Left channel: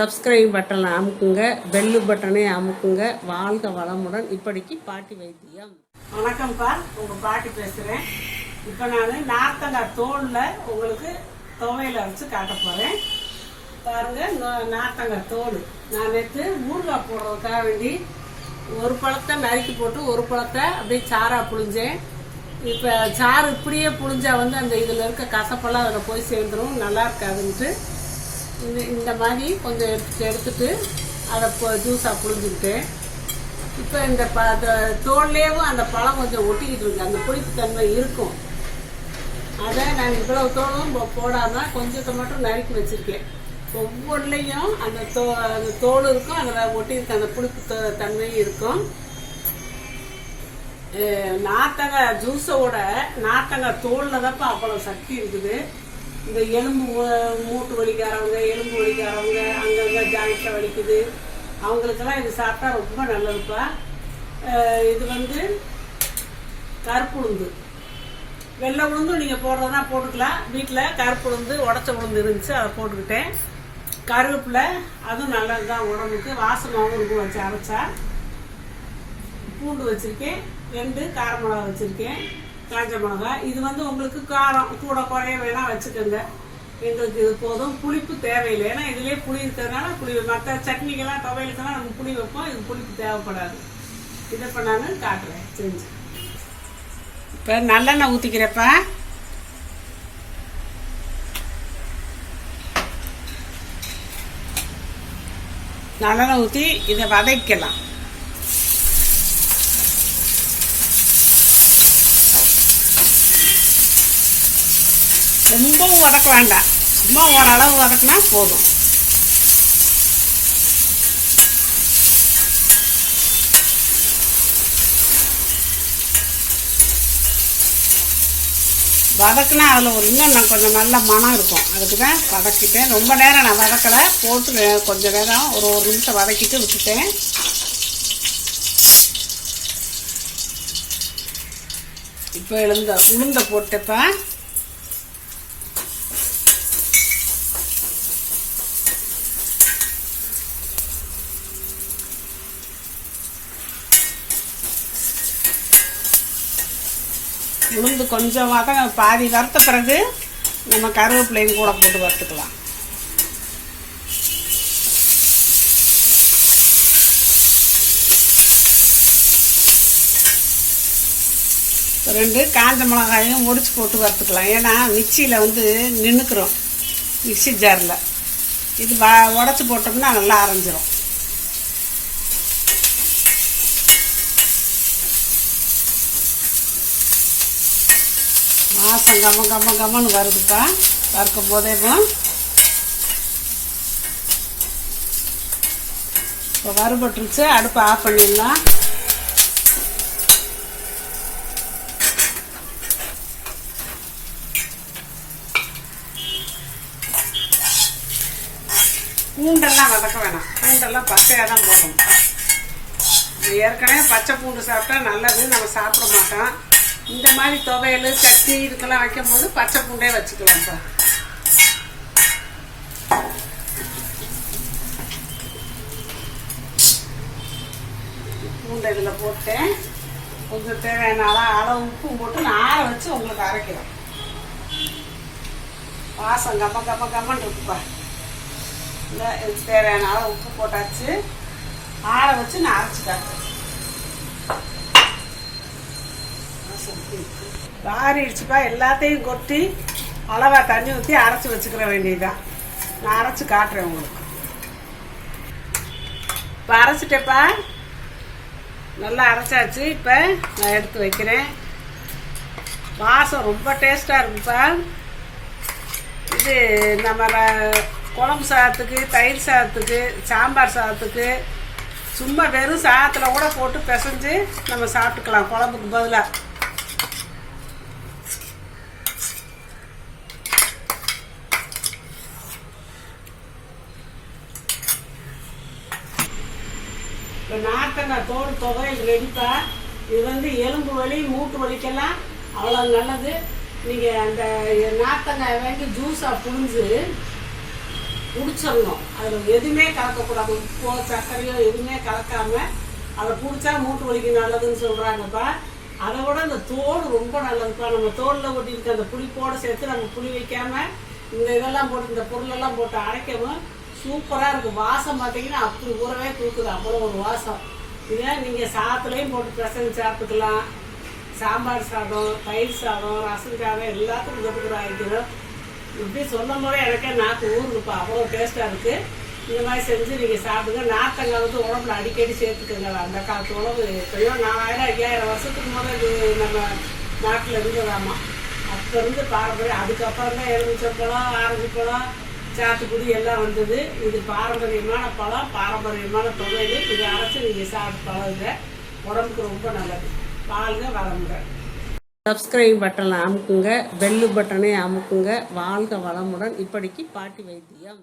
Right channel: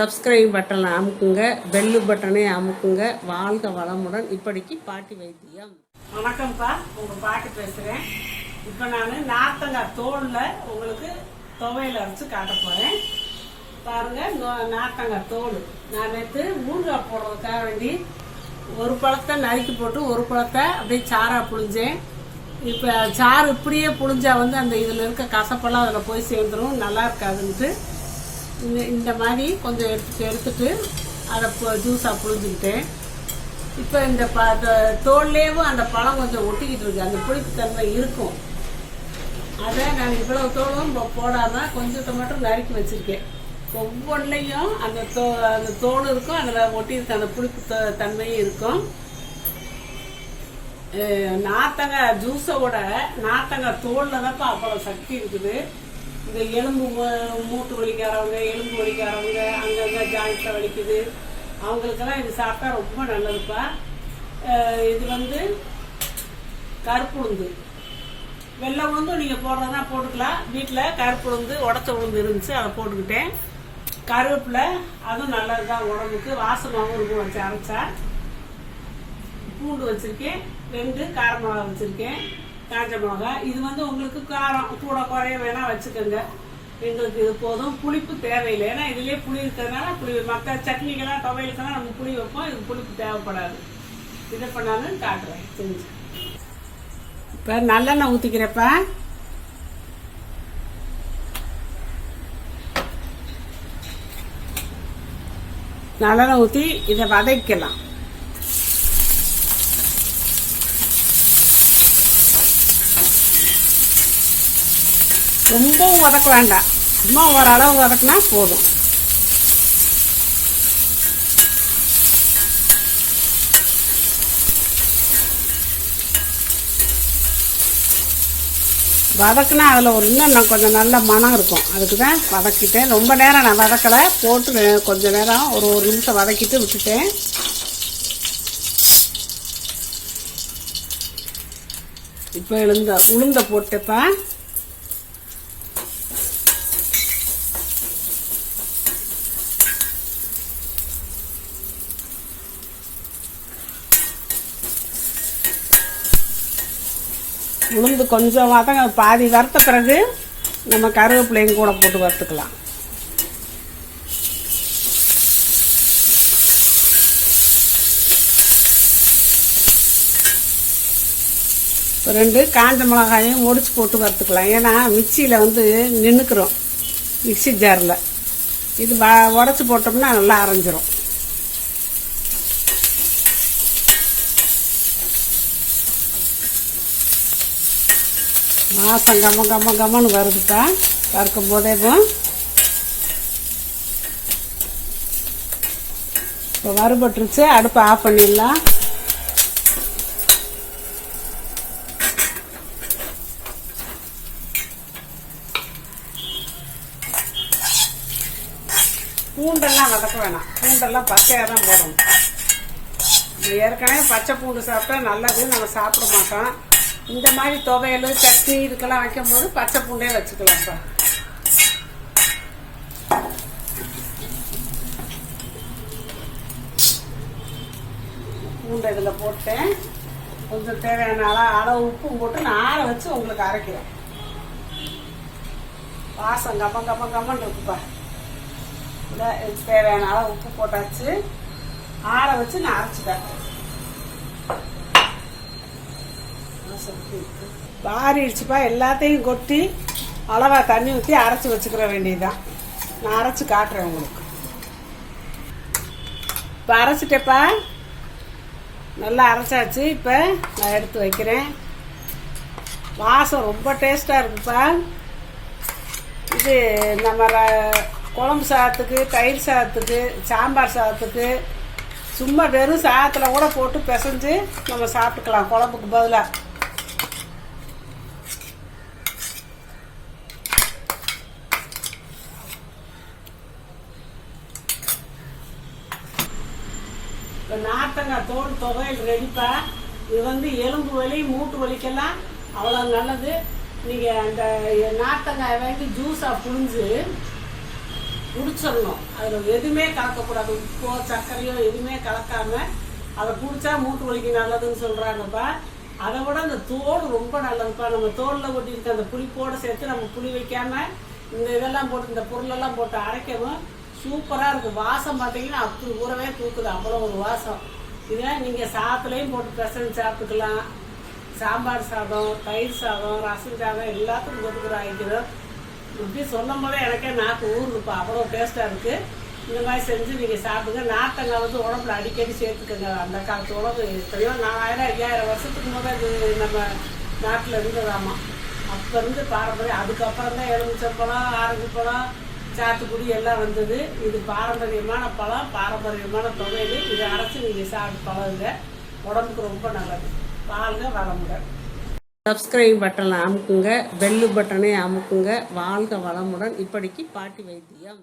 Subscribe பட்டனை அமுக்குங்க, bell பட்டனை அமுக்குங்க. வாழ்க வளமுடன். இப்படிக்கு பாட்டி வைத்தியம். வணக்கம்ப்பா, உங்கள் பாட்டி பேசுகிறேன். இப்போ நான் நார்த்தங்காய் தோலில் உங்களுக்கு துவையில் அரைச்சி காட்ட போகிறேன். பாருங்கள், நார்த்தங்காய் தோல் நான் நேற்று ஊறுகாய் போடுறதுக்காக வேண்டி ஒரு பழத்தை நறுக்கி போட்டு ஒரு பழத்தை அப்படியே சாராக புழிஞ்சேன். இப்போ சாறு இப்படியே புழிஞ்சா அந்த இதில் இருக்க கசப்பெல்லாம் அதில் போய் சேர்ந்துடும், நல்லா இருக்காதுன்ட்டு இந்த மாதிரி கொஞ்சம் எடுத்துட்டு அதை ஜூஸாக புழிஞ்சுக்கிட்டேன். இப்போ இந்த தோல்லேயும் அந்த பழம் கொஞ்சம் ஒட்டிக்கிட்டு இருக்கு, அந்த புளிப்பு தன்மை இருக்கும். அதை நான் இவ்வளவு தோலும் போடாமல் கொஞ்சத்தை மட்டும் நறுக்கி வச்சிருக்கேன். ஒவ்வொன்றையும் அந்த தோல் இருக்கும், அதில் ஒட்டியிருக்க அந்த புளிப்பு தன்மையும் இருக்கும். நார்த்தங்காய் ஜூஸோட நார்த்தங்காய் தோலில் தான்ப்பா அவ்வளோ சக்தி இருக்குது. இந்த எலும்பு மூட்டு வலிக்காரவங்க, எலும்பு வலிக்காரவங்க, அங்கங்கே ஜாயிண்ட்ல வலிக்குது, அவங்களுக்கெல்லாம் இது சாப்பிட்டா ரொம்ப நல்லதுப்பா. இது கருப்பு உளுந்து, வெள்ளை உளுந்தும் நீங்கள் போடுறதா போட்டுக்கலாம். வீட்டில் கருப்பு உளுந்து உடச்ச உளுந்து இருந்துச்சு, அதை போட்டுக்கிட்டேன். கருவேப்பிலை அதுவும் நல்லது தான் உடம்புக்கு, வாசமாகவும் இருக்கும் வச்சு அரைச்சா. பூண்டு வச்சுருக்கேன், 2 கார மிளகா வச்சுருக்கேன், காஞ்ச மிளகா. இது உங்களுக்கு காரம் கூட குறைய வேணா வச்சுக்கோங்க. எங்களுக்கு இது போதும், புளிப்பு தேவையில்லை. ஏன்னா இதுலேயே புளி இருக்கிறதுனால புளி, மற்ற சட்னிக்கெல்லாம் துவையலுக்கெல்லாம் நம்ம புளி வைப்போம், இது புளிப்பு தேவைப்படாது. இதை இப்போ நான் காட்டுறேன் செஞ்சு. இப்போ நல்லெண்ணெய் ஊற்றிக்கிறப்ப நல்லெண்ணெய் ஊற்றி இதை வதக்கலாம். ரொம்பவும் வதக்க வேண்டாம், சும்மா ஓரளவு வதக்கினா போதும். வதக்குனா அதில் இன்னும் கொஞ்சம் நல்ல மனம் இருக்கும். அதுக்கு தான் வதக்கிட்டேன். ரொம்ப நேரம் நான் வதக்கலை, போட்டு கொஞ்சம் நேரம் ஒரு நிமிஷம் வதக்கிட்டு விட்டுட்டேன். இப்போ உளுந்த போட்டப்ப உளுந்து கொஞ்சம் பாதி வறுத்த பிறகு நம்ம கருவேப்பிலையும் கூட போட்டு வறுத்துக்கலாம். இப்போ 2 காஞ்ச மிளகாயும் ஒடிச்சு போட்டு வறுத்துக்கலாம். ஏன்னா மிக்சியில் நின்றுக்கிறோம், மிக்சி ஜாரில். இது உடச்சி போட்டோம்னா நல்லா அரைஞ்சிரும். வாசம் கம்மன்னு வருதுப்பா. வறுக்கும் போதே தான் இப்போ வறுபட்டுருச்சு. அடுப்பை ஆஃப் பண்ணிடலாம். பூண்டெல்லாம் வதக்க வேணாம், பூண்டெல்லாம் பச்சையாக தான் போடணும். ஏற்கனவே பச்சை பூண்டு சாப்பிட்டா நல்லது, நம்ம சாப்பிட மாட்டோம். இந்த மாதிரி துவையல் சட்னி இதுக்கெல்லாம் வைக்கும் போது பச்சை பூண்டே வச்சுக்கலாம்ப்பா. பூண்டை இதில் போட்டேன். கொஞ்சம் தேவையான அளவு உப்பும் போட்டு நான் ஆற வச்சு உங்களுக்கு அரைக்கிறேன். வாசம் கம்மன்னு இருக்குப்பா. இல்லை, இதுக்கு தேவையான அளவு உப்பு போட்டாச்சு, ஆற வச்சு நான் அரைச்சிட்டேன். பாரிடுச்சுப்பா. எல்லாத்தையும் கொட்டி அளவா தண்ணி ஊற்றி அரைச்சி வச்சுக்கிற வேண்டியதுதான். நான் அரைச்சி காட்டுறேன் உங்களுக்கு. இப்போ அரைச்சிட்டேப்பா, நல்லா அரைச்சாச்சு. இப்போ நான் எடுத்து வைக்கிறேன். வாசம் ரொம்ப டேஸ்டாக இருக்குப்பா. இது நம்ம குழம்பு சாதத்துக்கு, தயிர் சாதத்துக்கு, சாம்பார் சாதத்துக்கு, சும்மா வெறும் சாதத்தில் கூட போட்டு பிசைஞ்சு நம்ம சாப்பிட்டுக்கலாம் குழம்புக்கு பதிலாக. இப்போ நார்த்தங்காய் தோல் துவையல் ரெடிப்பா. இது எலும்பு வலி, மூட்டு வலிக்கெல்லாம் அவ்வளோ நல்லது. நீங்கள் அந்த நார்த்தங்காய் வாங்கி ஜூஸாக புழிஞ்சு குடிச்சிடணும். அதில் எதுவுமே கலக்கக்கூடாது. உப்போ சர்க்கரையோ எதுவுமே கலக்காம அதை குடிச்சா மூட்டு வலிக்கு நல்லதுன்னு சொல்கிறாங்கப்பா. அதை விட அந்த தோல் ரொம்ப நல்லதுப்பா. நம்ம தோலில் ஒட்டியிருக்க அந்த புளிப்போடு சேர்த்து நம்ம புளி வைக்காமல் இந்த இதெல்லாம் போட்டு இந்த பொருளெல்லாம் போட்டு அரைக்கவும் சூப்பராக இருக்குது. வாசம் பார்த்தீங்கன்னா அப்படி ஊறவே தூக்குது, அவ்வளோ ஒரு வாசம். இதை நீங்கள் சாத்துலையும் போட்டு பிசைஞ்சு சாப்பிட்டுக்கலாம். சாம்பார் சாதம், தயிர் சாதம், ரசம் சாதம் எல்லாத்துக்கும் போட்டுக்கிறாங்க. இப்படி சொல்லும் போதே எனக்கே நாக்கு ஊறுதுப்பா, அவ்வளோ டேஸ்ட்டாக இருக்குது. இந்த மாதிரி செஞ்சு நீங்கள் சாப்பிடுங்க. நார்த்தங்காய் வந்து உடம்புல அடிக்கடி சேர்த்துக்கோங்க. அந்த காலத்து உடம்பு எப்படியோ 4000 5000 வருஷத்துக்கு முதல் இது நம்ம நாட்டில் இருந்ததாமா. அப்போ இருந்து பாரம்பரியம். அதுக்கப்புறம் தான் எலுமிச்சம்பழம், ஆரஞ்சு பழம், சாத்துக்குடி எல்லாம் வந்தது. இது பாரம்பரியமான பழம், பாரம்பரியமான தொகையில். இதை அரைச்சி நீங்கள் சாப்பிட்டு பழகுங்க, உடம்புக்கு ரொம்ப நல்லது. வாழ்க வளமுடன். சப்ஸ்கிரைப் பட்டனை அமுக்குங்க, பெல்லு பட்டனை அமுக்குங்க. வாழ்க வளமுடன். இப்படிக்கு பாட்டி வைத்தியம்.